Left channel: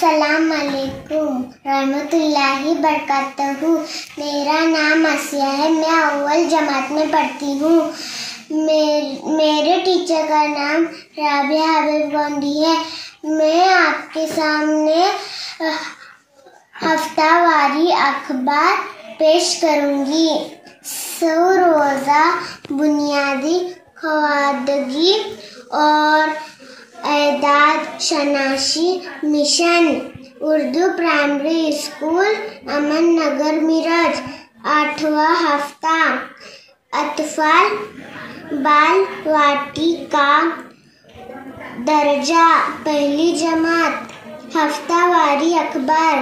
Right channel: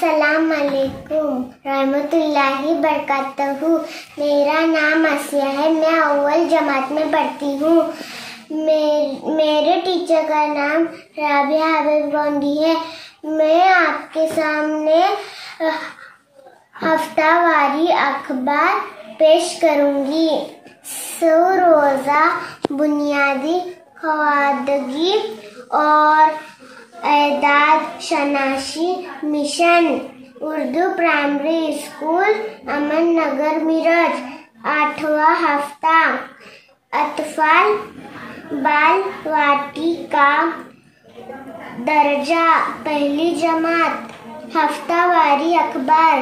अस्सलाम वालेकुम रहमतुल्लाहि बरकातहू। मेरा नाम आसिया है। मैं अव्वल जमात में पढ़ती हूँ। मेरे टीचर का नाम राबिया हबीब गोंडी है। मैं आपके सामने हफ्तावारी अखबार पेश करूँगी। सौ रोज़ा बुनियादी खवादगी और एदाद शनाशी मिशन उर्दू प्राइमरी स्कूल अमन नगर मिरज 8वां हफ्ता अतफाल बाल वाटिका दर्जा पहली जमात हफ्तावारी अखबार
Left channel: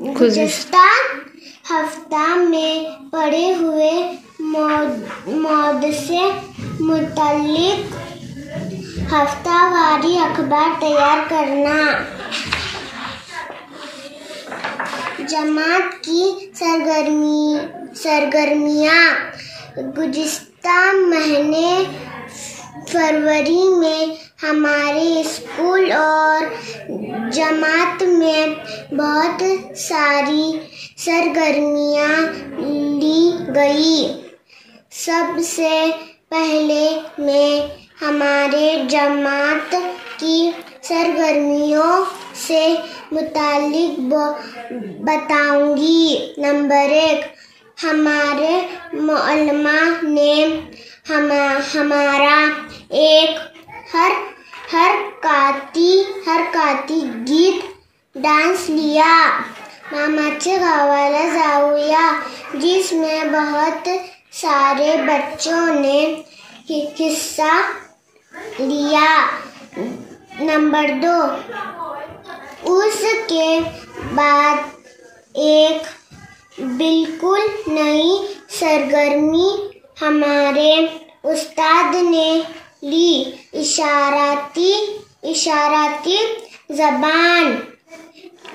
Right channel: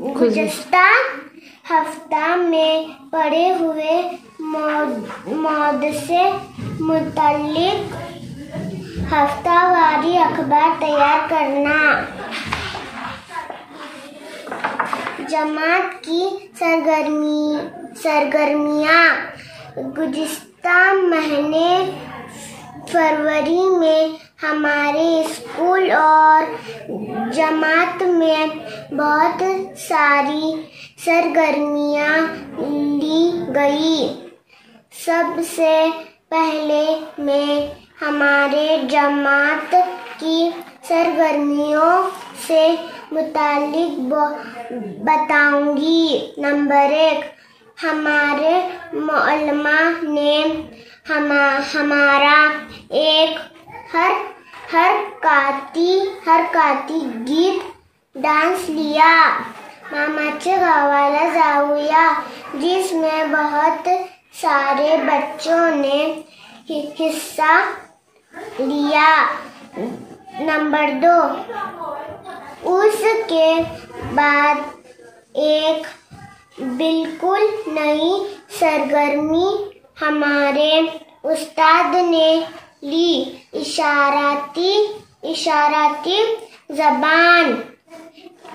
गुज़श्ता हफ्ता में पढ़े हुए मौद से मुताल्लिक हफ्तावारी अखबार तैयार करना। जमात की सरगर्मियाँ गुज़िश्ता महीने फरवरी में हमारे स्कूल और जमात में बहुत सारी सरगर्मियाँ ली गई। सबसे पहले मैं हमारे जमात की सरगर्मियों से मुताल्लिक बताऊंगी। नंबर 1, हमारे मौलमा ने हमारा एक हरकाती गीत डांस लिया, मामाचे गावाला जाऊया, जिसमें बहुत सारे बच्चों ने हिस्सा लिया। नंबर 2, उसके बाद एक बिल्कुल नई सरगर्मी हमारे उस्ताद ने ली, इशाराती ज़बान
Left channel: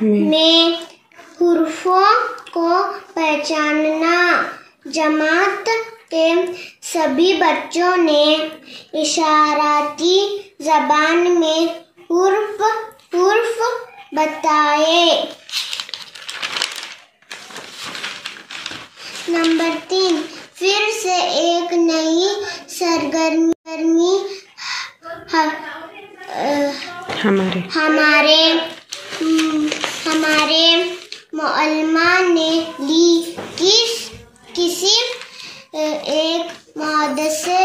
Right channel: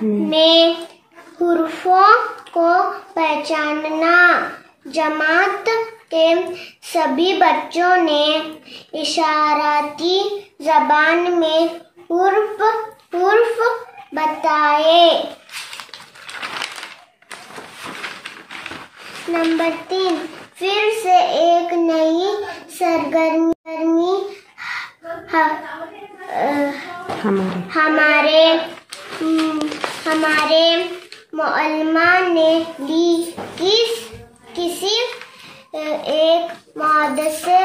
में हुर्फों को पहचानना। जमात के सभी बच्चों ने इशाराती ज़बान में हुर्फ बताए। नंबर 3, फिर से एक नई सरगर्मी हमारे मौलमा ने ली, किसी एक मौद से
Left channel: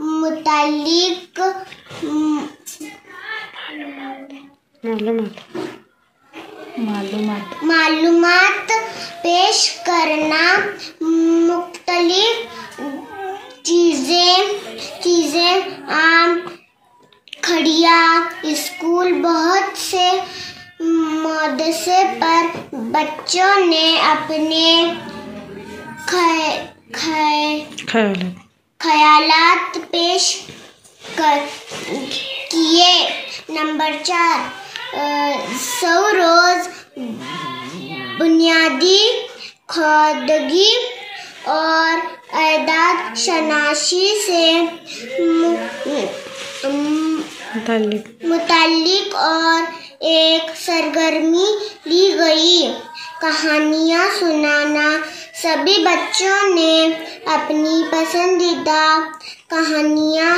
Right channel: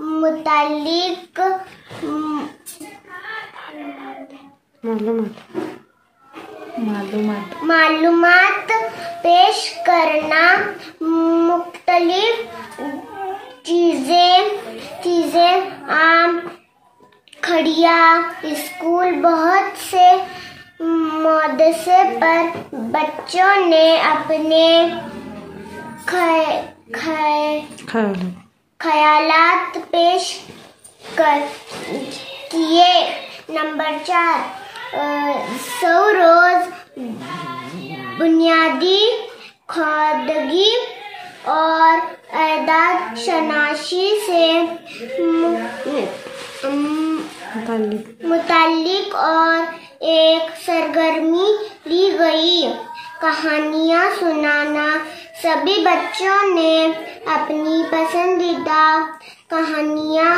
मुताल्लिक मालूमात पेश करना। मुख्तलिफ चीज़ें आम खड़िया स्कूल बहुत से मौदसे पर बच्चों ने अपने ख्यालात पेश किए। नंबर 4, 100 रोज़ बुनियादी खवादगी और एदाद शनाशी से मुताल्लिक और एक सरगर्मी ली गई, कहानियाँ सुनाना। सभी बच्चों ने अपनी पसंदीदा कहानियाँ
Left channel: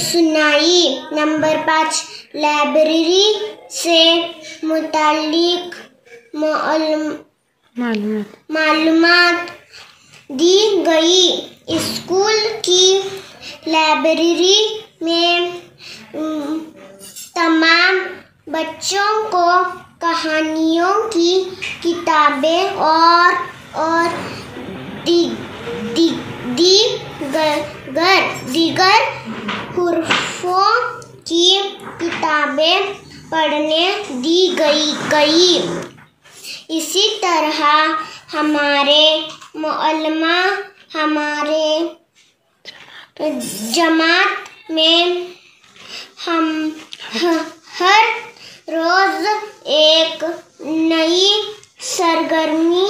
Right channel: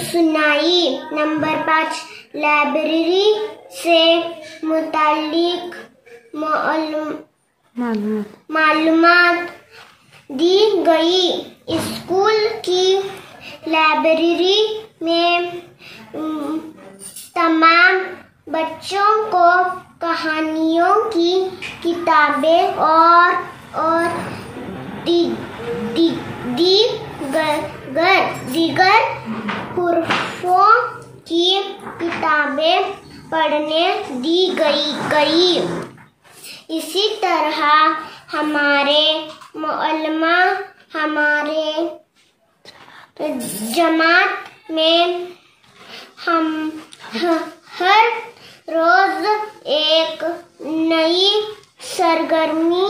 सुनाई। नंबर 5, लाइब्रेरी से मुताल्लिक मालूमात दी गई। स्कूल की लाइब्रेरी में तमाम बच्चों को कहानियों की किताबें और दीगर हुर्फों की किताबें पढ़ने दी गई। इसी तरह हमारे मौलमा हमारे जमात में हम हर रोज एक नई सरगर्मी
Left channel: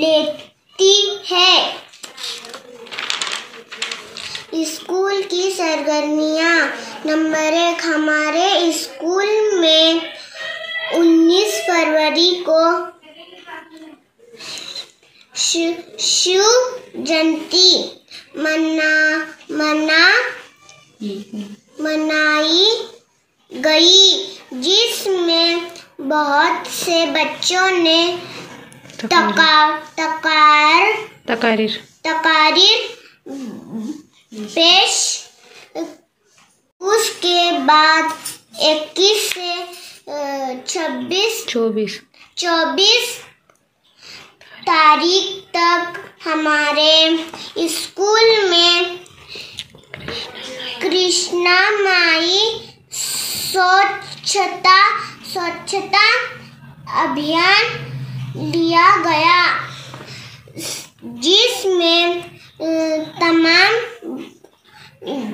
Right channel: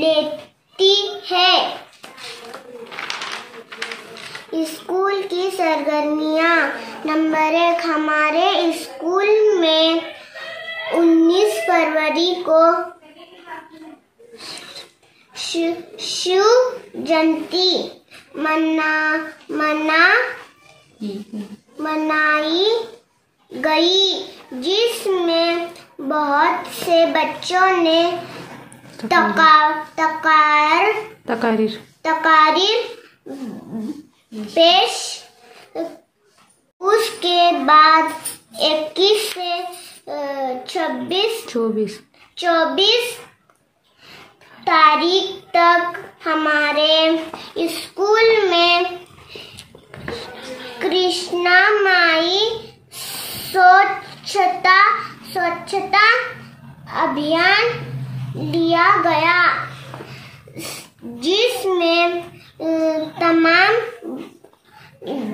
लेती है। स्कूल की सरगर्मियाँ। नंबर 1, हमारे स्कूल में 19 फरवरी को शिव जयंती मनाई गई, जिसमें बहुत से बच्चों ने तकारीर पेश। उसके बाद 21 से 24 तारीख तक हमारे स्कूल में कृष्णा माई स्वच्छता अभियान लिया गया, जिसमें तमाम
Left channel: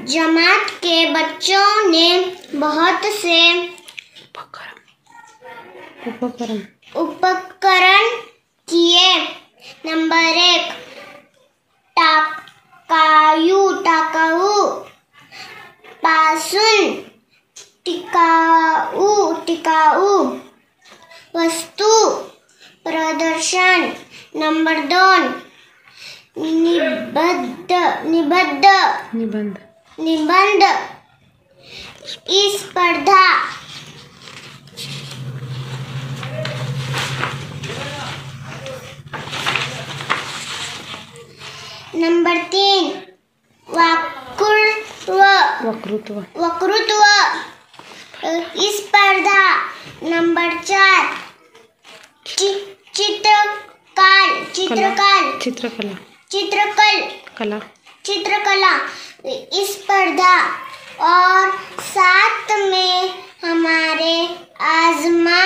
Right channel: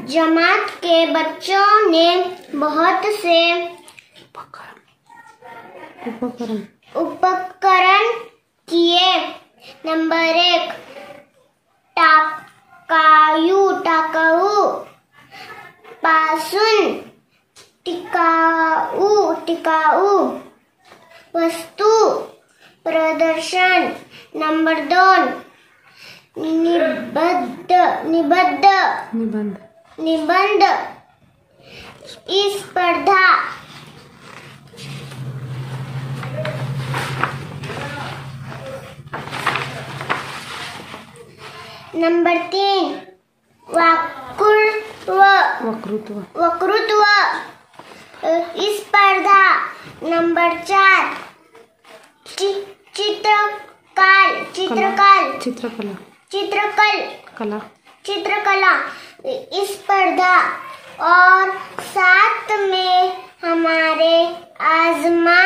जमात के बच्चों ने बहुत से उपकरण किए। नंबर 1, टाकाऊ पासून टिकाऊ वस्तु प्रदर्शन। नंबर 2, निबंध स्पर्धा। नंबर 3, वक्तृत्व स्पर्धा। नंबर 4, चित्रकला स्पर्धा। और साथ में हमारे आजमाइशनुमा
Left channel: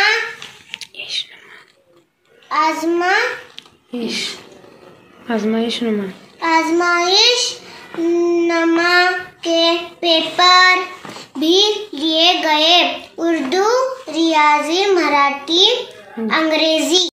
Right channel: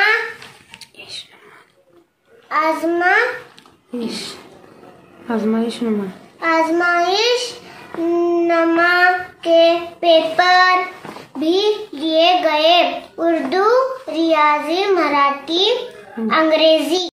के पेपर भी लिए गए, उर्दू, रियाजी, मराठी, अंग्रेजी।